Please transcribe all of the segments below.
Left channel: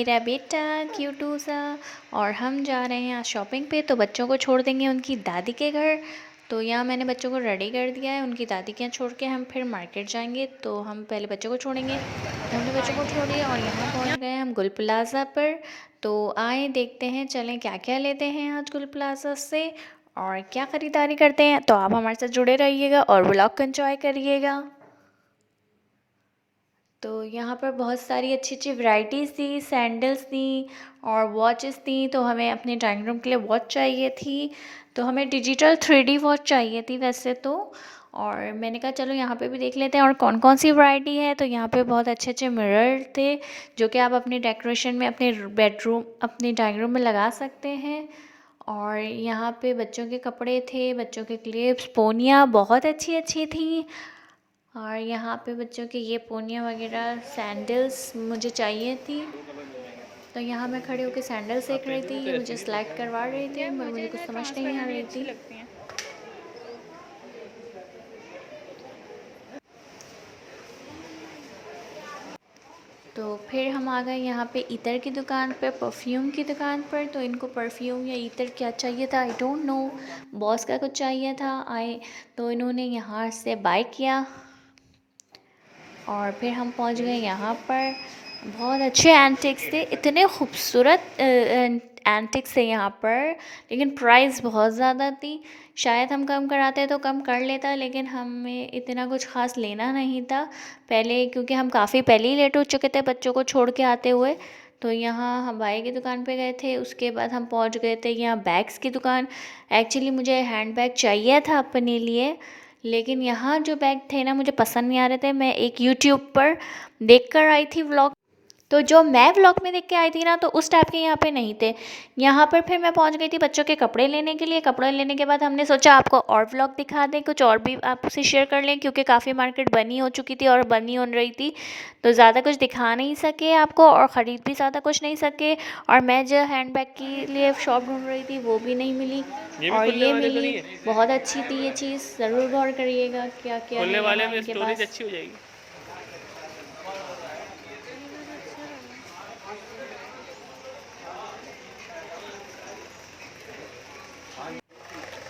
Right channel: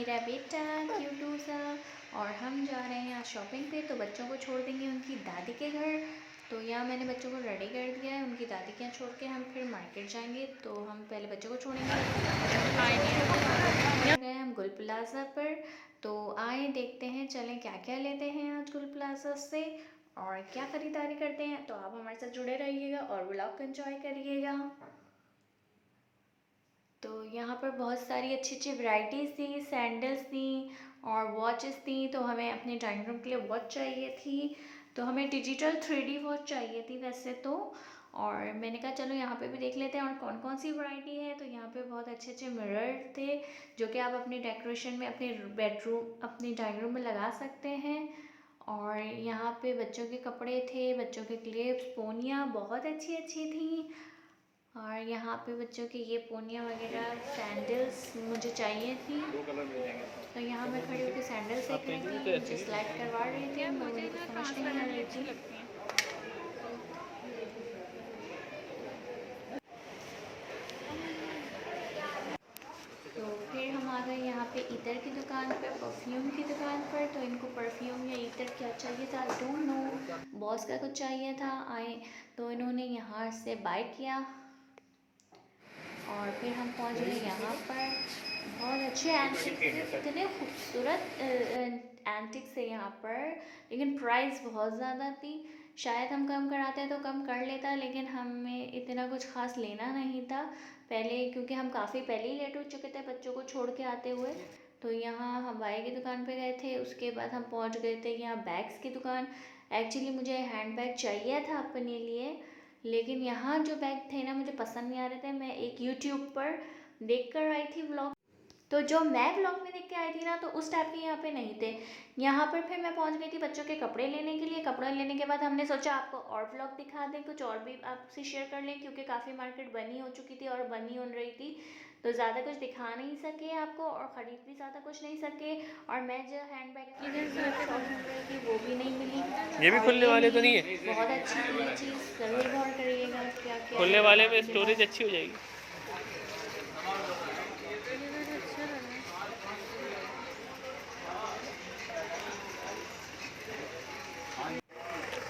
मेरा बेटा क्यूटू सा। और हम जा रहे हैं आज शॉपिंग पे, तो बच्चों को छोड़ देंगे उनकी दादी के घर। तो यहाँ मैंने बच्चों को रेडी कर दिया है, उनकी दादी के यहाँ छोड़ के हम फिर मार्केट जाएंगे। तो हम पहले बच्चों को छोड़ेंगे, हमने बच्चों को छोड़ दिया और यहाँ पहुँच गए हम गुल प्लाज़ा पर। तो आए देखते हैं, चलें क्या क्या लेते हैं आज गुल प्लाज़ा से और क्या ख़रीदारी करते हैं। तो आप हमारे साथ जुड़े रहिएगा और व्लॉग को एंजॉय करिएगा। तो यहाँ पर बहुत सारी अच्छी अच्छी वैरायटीज़ थी, सैंडल्स थी और वॉचेस थी। तो हमें अपने ड्राइंग रूम के लिए वॉच चाहिए थी, तो हमें डिजिटल 3D वॉच चाहिए थी वैसे तो। और मैंने कहा चलो यहाँ पे भी देख लेते हैं और कौन कौन सी वैरायटी है। तो यहाँ पे बहुत अच्छे अच्छे मिरर थे जो कि आप अपने डेकोरेशन में, अपने बेडरूम, अपने ड्राइंग रूम में लगा सकते हैं। और यहाँ पे बच्चों के कपड़े थे, बच्चों के क्लिप्स, पोनियाँ बहुत अच्छी अच्छी थी। और यहाँ पे बच्चों के ये पोनिया वगैरह, सैंडल्स मुझे चाहिए थी। तो यहाँ मैं खड़े होकर सैंडल्स देख रही थी, ये मुझे सिलेक्ट करवा रही थी मगर मुझे कुछ समझ नहीं आ रही थी। तो फिर हम आ गए यहाँ पे इतर की दुकान पर, परफ्यूम की दुकान पर। तो इनको परफ्यूम या इतर क्या चाहिए था, आई डोंट नो, बॉस का कुछ चाहिए था। आए तो इन्होंने यहाँ से बाय किया और फिर हम पहुंच गए यहाँ पर। बहुत अच्छे एंटिक्स थे, इतने खूबसूरत एंटिक्स थे यहाँ पर, लेकिन प्राइस बहुत ज़्यादा थी। शायद हम कम कराते तो कम कर लेता, लेकिन हमें इतना कुछ ख़ास लेना नहीं था पहले, क्योंकि हम काफ़ी पहले ही लेट हो चुके थे बच्चों को छोड़ के आते हुए। तो यहाँ हम बाई की दुकान पे गए थे, उसके बाद हम पहुँच गए थे यहाँ बैग्स की दुकान। एक्चुअली मुझे हैंड बैग चाहिए था अपने लिए, लेकिन यहाँ जो बैग थे ना मुझे पसंद नहीं आ रहे थे। मैं एक यूट्यूब पर देख कर आई थी व्लॉग, तो जो मैं व्लॉग में देख के आई थी ना, तो उस टाइप के यहाँ पे नहीं थे। यहाँ पर फिर मैं पहुँच गई थी बच्चों के कपड़े लेने के लिए। कपड़े लेने के बाद हमने सोचा आपको और व्लॉग दिखा दें, कुछ और भी आपसे शेयर कर लें, क्योंकि काफ़ी मार्केट बनी हो चुकी थी और बनी हो रही थी, तो ज़्यादा कुछ दिखा नहीं सके आपको और ख़रीद भी ज़्यादा कुछ नहीं सके। और मैं जो हैंड बैग के लिए शॉप ढूंढ रही थी वो भी नहीं मिली, और ये मिली। बहुत अच्छी थी ये चीज़, ज़रूर गौर करिएगा क्या क्या है यहाँ इनके पास। अच्छी हो जाएगी।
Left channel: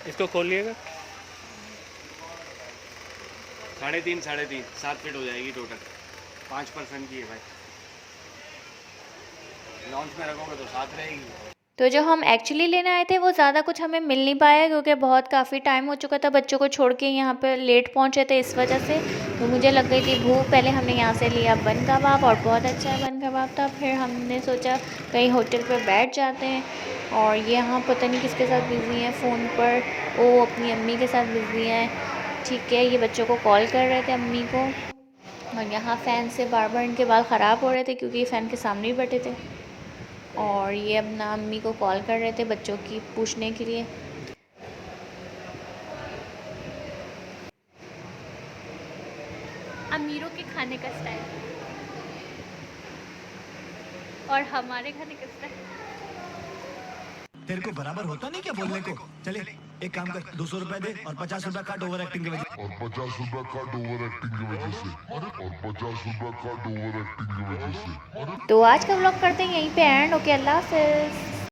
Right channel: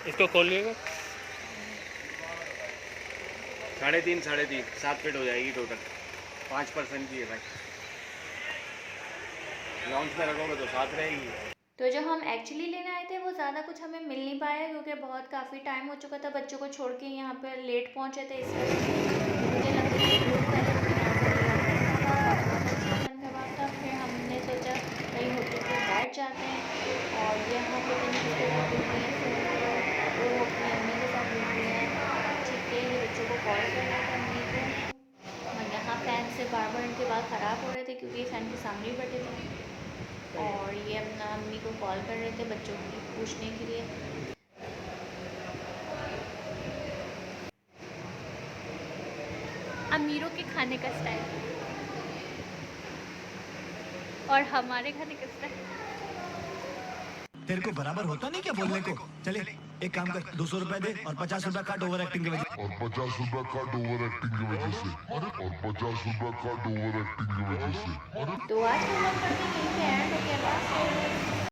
इसको खोलिएगा। 3.5 7 फीट हो जाएगी टोटल। 5 पर्सन की है भाई, लॉन्च में रखोगे तो साथ रहेगी। तो जो हम एक्चुअली लेने आए थे वो ज़्यादा कुछ हमें मिल नहीं पाया, क्योंकि बहुत काफ़ी टाइम हो चुका था, बच्चों को छोड़ के यहाँ पर लेट पहुँचे थे इस वजह से। तो मुझे लग गई थी भूख। पहले हमने यहाँ से लिया बन कबाब और बहुत अच्छा बन कबाब था। फिर हमने सोचा कहीं होटल पर बैठ जाते हैं, और यहाँ पता नहीं किसके साथ बिज़ी है फ़ोन पर, वो अपनी अम्मी के साथ बिज़ी है। ठीक है, ये बच्चों को कॉल कर रहे थे अम्मी को, और यहाँ फ़ैन से बार बार इनके बाल ख़राब हो रहे थे क्योंकि ये फ़ैन के सामने ही बैठे थे। और ये अपना अम्मी को कॉल कर रहे थे बच्चों की पूछने के लिए। अमीरों के खाने का स्टाइल और हमारे खाने का स्टाइल। तेरे को बराबर होता नहीं क्या बोलने को। चले एक काम कर, 200 रुपए दे और 50 रुपए काट ओवर एक्टिंग की वजह। और 50 रुपए काट ओवर एक्टिंग की वजह से। और 50 रुपए काट ओवर एक्टिंग की वजह से। तो आज का व्लॉग करते हैं यहीं पे एंड। ओके, अल्लाह हाफ़िज़।